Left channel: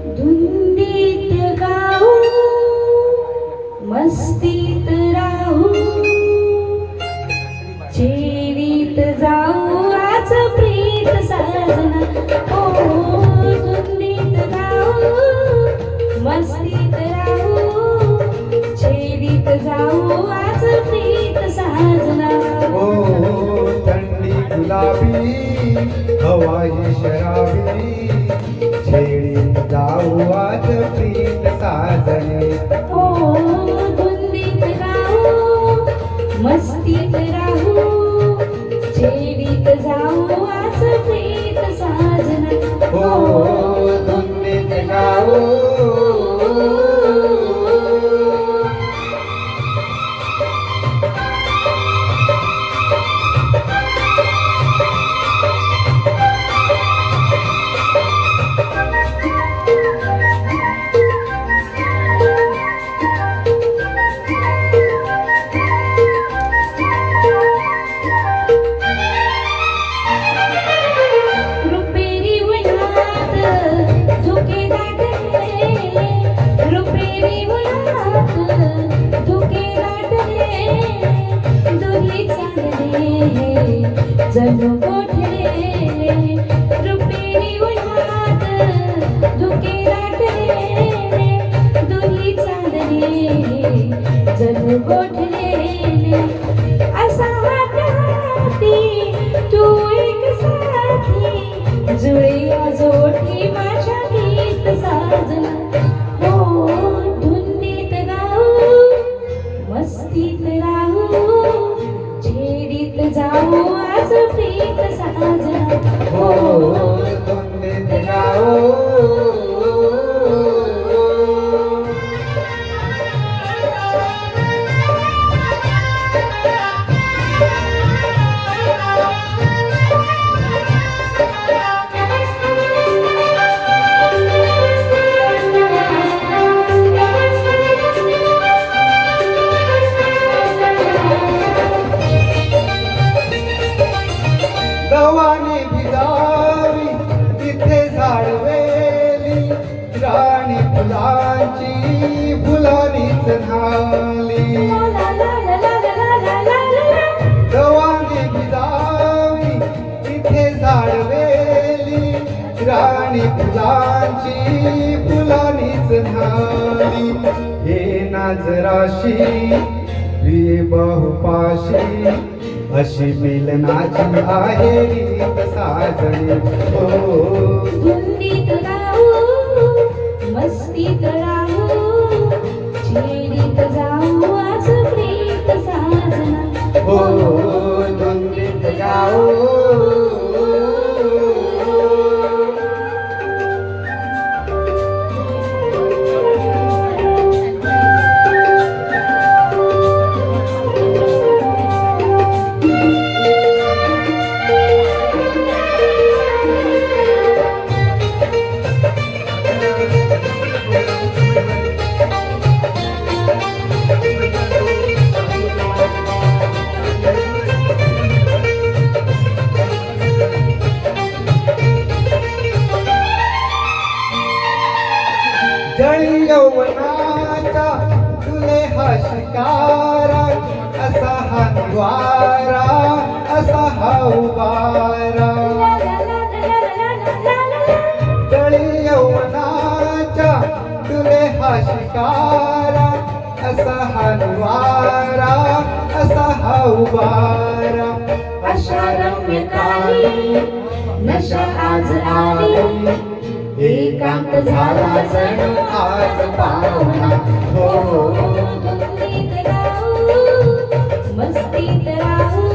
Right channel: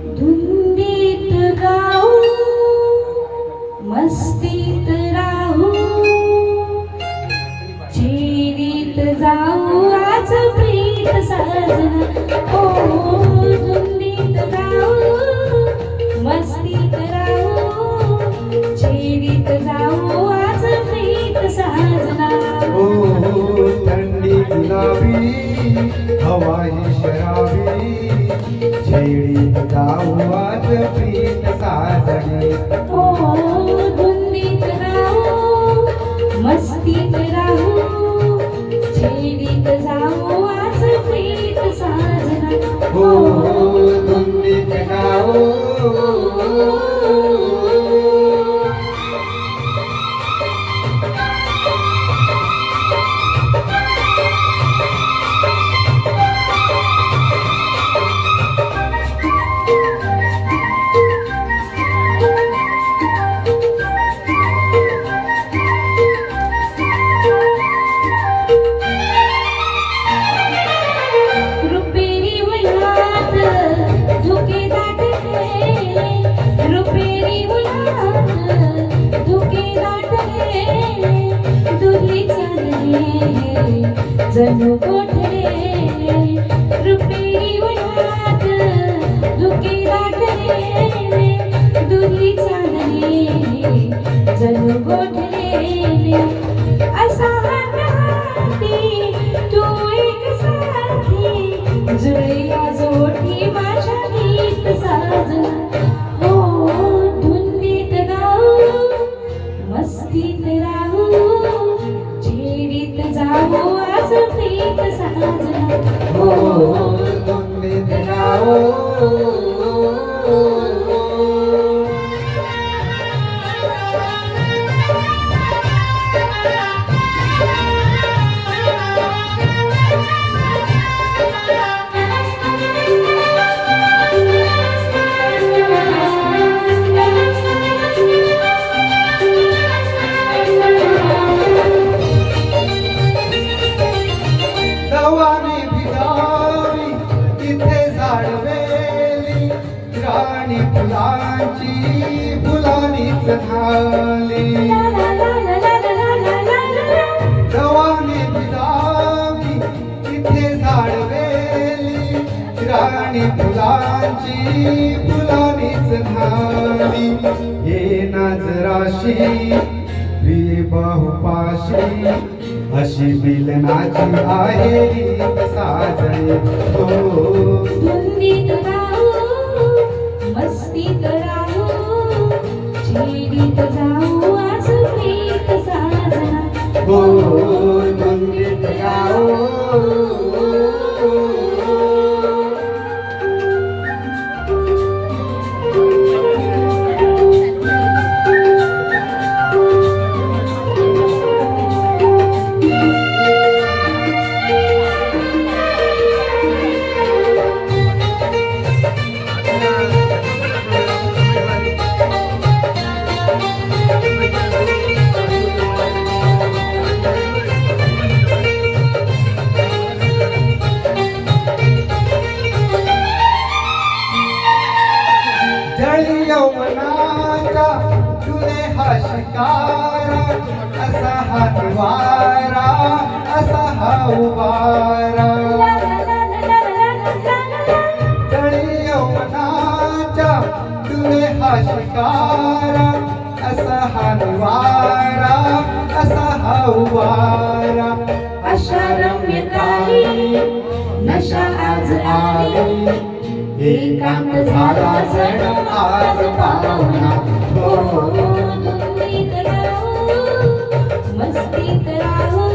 धुंदीत गाऊ मस्तीत राहू चेरीत जाऊ आज प्रीत साजना ओ धुंदीत गाऊ मस्तीत राहू चेरीत जाऊ आज प्रीत साजना ओ थंडी गुलाबी हवा ही शराबी छेडीत जाऊ आज प्रीत साजने ओ धुंदीत गाऊ मस्तीत राहू चेरीत जाऊ आज प्रीत साजना ओ धुंदीत गाऊ रुपेरी उन्हात धुके दाटले रुपेरी उन्हात धुके दाटले दुधी चांदणे जणू गोठले रुपेरी उन्हात धुके दाटले दुधी चांदणे जणू गोठले असा हात हाती तू एक साथी जुळीला जोडी माझ्या गीत साजना हो धुंदीत गाऊ मस्तीत राहू छेडीत जाऊ आज प्रीत साजना ओ धुंदीत गाऊ दवाने भिजावी तिथे झाडवेली राणी फुलांची फुलांनीच झाली दवाने भिजावी तिथे झाडवेली राणी फुलांची फुलांनीच झाली ये नाजराशी प्रिय बाहुपाशी अशी मिलनाची आहे रीत साजणे हो धुंदीत गाऊ मस्तीत राहू छेडीत जाऊ आज प्रीत साजना हो धुंदीत गाऊ जळी यौवनाचा तुले हा शिकारा असा हा निवारा असा हा उवारा जळी यौवनाचा तुले हा शिकारा असा हा निवारा असा हा उवारा अशा रम्य काली नशा आज आली एकांत झाला जण आज पाहुणा हो धुंदीत राहू मस्तीत राहू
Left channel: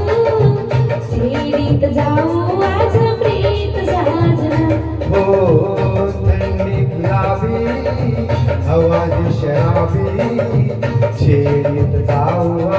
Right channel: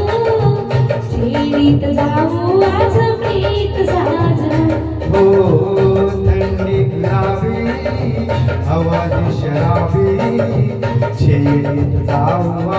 छेडीत जाऊ आज प्रीत साजना हो थंडी गुलाबी आवाज शराबी छेडीत जाऊ